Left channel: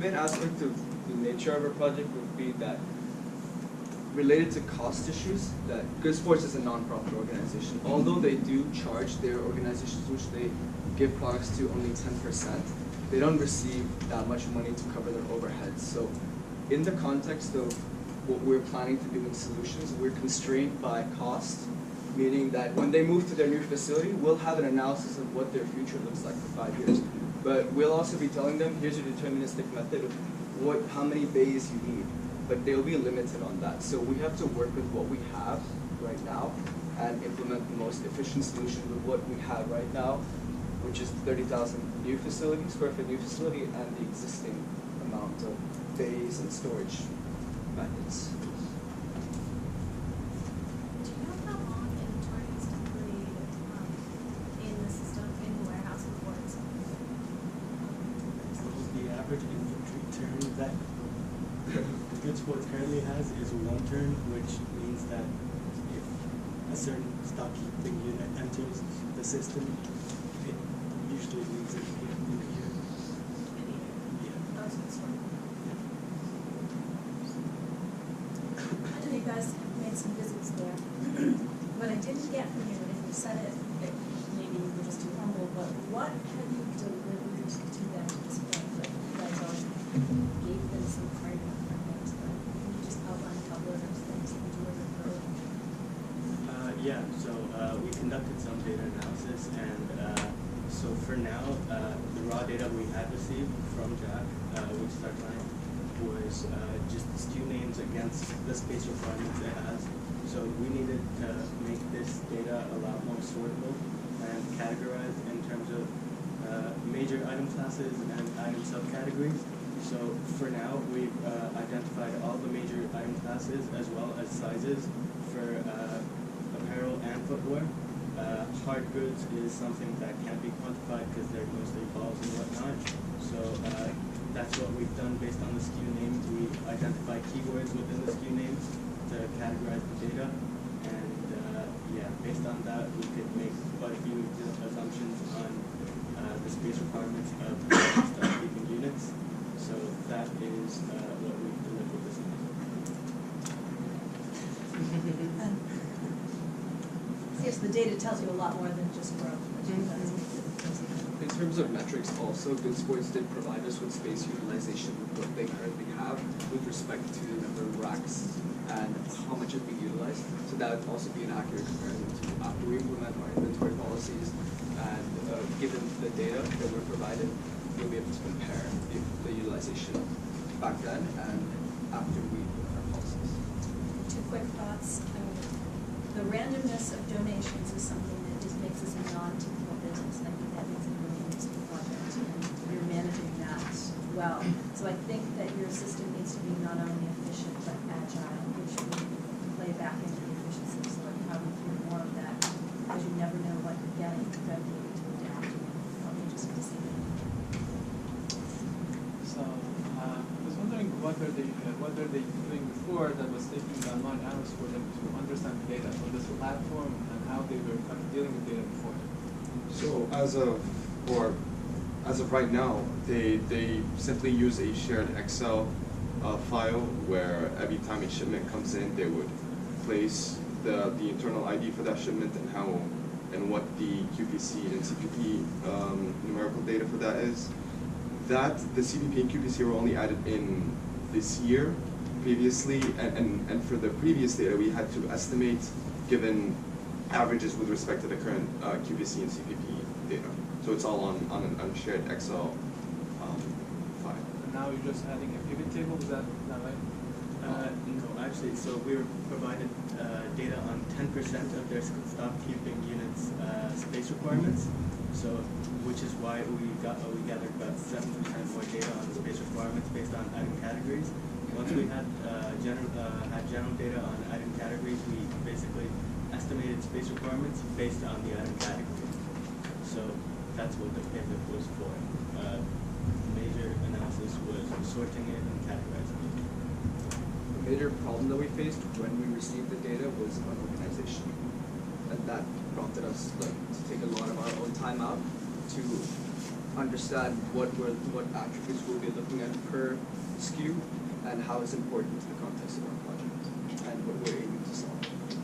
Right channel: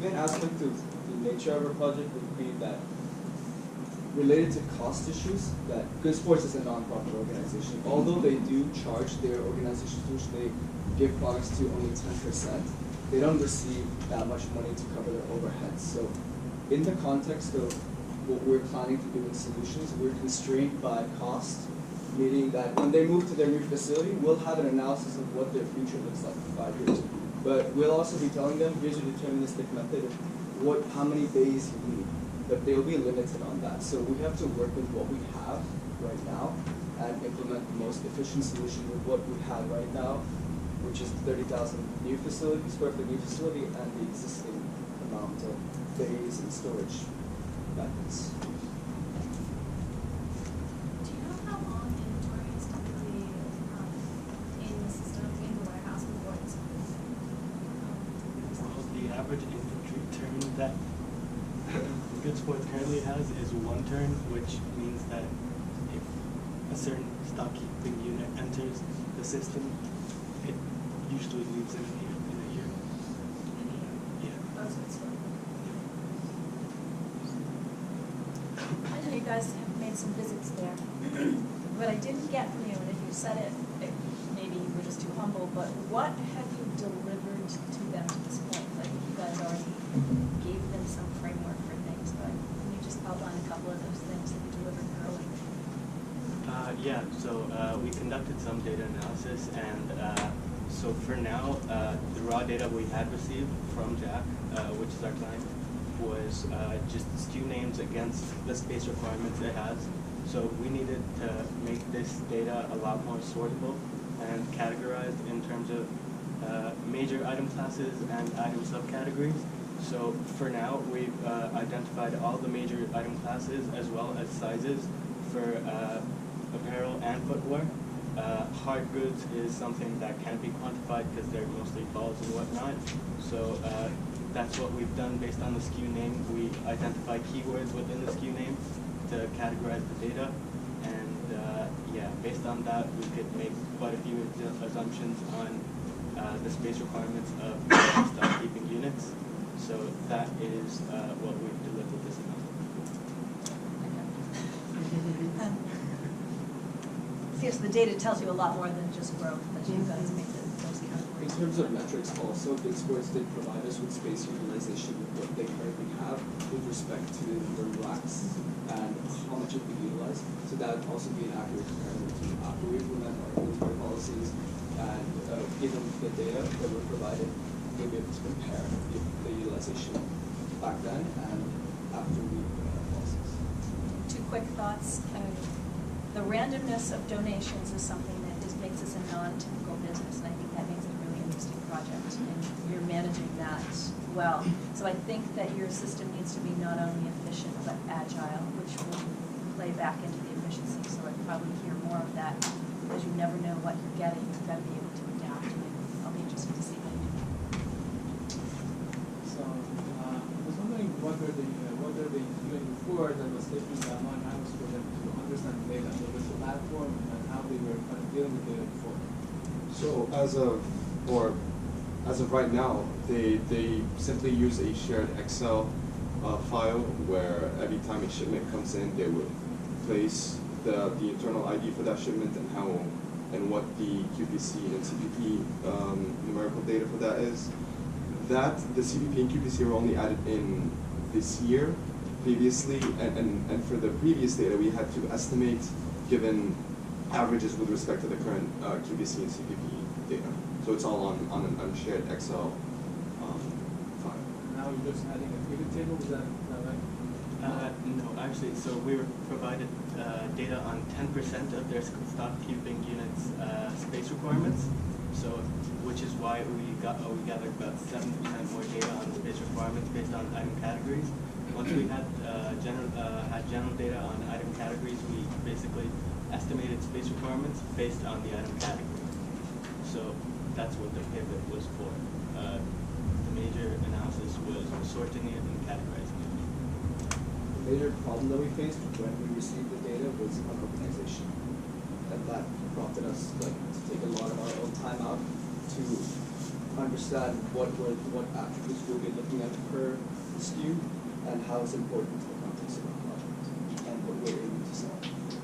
main aspect of the nature of our project would be that related to cost issues, that Good Sports is a non-profit organization. Although they do charge their organizations, which they give products to, only 10%, they don't receive that much money to cover their overheads. So in the context of what we're planning to do in solutions, we're constrained by cost, meaning that when they move to their new facility, we'll have an analysis of what their future looks like for 5 years. But we'll also be telling them, here's a deterministic method of how many bays you need. But they'll be limited on that. So we have to work with what we have right now and implement the most efficient solution with what we have right now, which is 30,000 square foot new facility, and the existing amount of bays and storage methods. Do you know how long inventory is typically in the system, in the warehouse before it's moved? Well, the average inventory turn that Good Sports currently has is 1 turn, which means that if a certain stock keeping unit enters the system, it usually leaves in a year. In a year? Yeah. Oh, so it's short. I know you guys have made some visits there. What I didn't get from you, and if you said it, maybe you were just too humble, but what have you delivered to them to this point? Like, you guys already gave them some framework for things, but can you just outline a couple of those things that you delivered early? Yeah, so we conducted some data analysis, and so for now, the raw data we had received from Jack, which is our client, was just SKU names against the space requirements it has. So we needed to make this data a lot more sortable and categorized in terms of major item classes and item subcategories. So for now, we've identified all the major item classes as well as sizes for apparel and footwear. Hard goods is something that can't be quantified because they're mostly balls and whatnot. So that's what we've done based on the SKU name. We identify keywords within the SKU name to categorize the data. And yeah, based on that, we could make quite a few assumptions on the space requirements of stock keeping units. So that is what we've delivered this month. Yes, the data tells you a lot more than just growth, that you guys make those kind of. In terms of metrics also, Good Sports did provide us with space utilization with what they currently have with respect to the number of racks and how much is being utilized. So that would also be an accurate comparison to after we implement our inventory policies and given the data that we're provided, we'll be able to compare the utilization back then and after we implement our policies. 2 quick thoughts. The randomness of donations is something that just makes this a non-typical business, and I think that makes it a really interesting project, and you're managing that well. So I think that your system needs to be not only efficient but agile, which will play back into the efficiency. So I'd probably hear more of that, because you never know what you're getting. You've got to be able to adapt, and I'll be interested to see how you do that. So I was wondering what were they doing before that was taking the amount of hours for them to understand data? What was the platform and how they were kind of dealing with data before? So as of right now, they simply use a shared Excel file where every time a shipment comes in, they would place the internal ID for that shipment and what the QPC and CPP numerical data for that is. That the CPP and QPC were only added in this year. Previously, and for the previous data, we had to estimate given averages with respect to the current QPC and CPP data. So it's all on an unshared Excel file. And now you're just adding a pivot table, is that right? No, actually, so we were provided data on 10% of their stock keeping units' space requirements. So, which is why we gathered about 7% more data on space requirements based on item categories. Once we had general data on item categories, we basically estimated space requirements based on the item category. So that's what the pivot was for. The major analysis was sorting it and categorizing it. The major problem that we faced when we received the data was unorganization, and that prompted us to take a lot of our own time out to understand what attributes we'll be looking at per SKU and how it's important to the context of our project and what we're aiming to solve.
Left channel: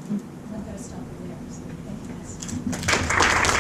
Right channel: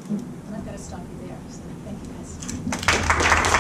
And I've got to stop you there, so thank you guys.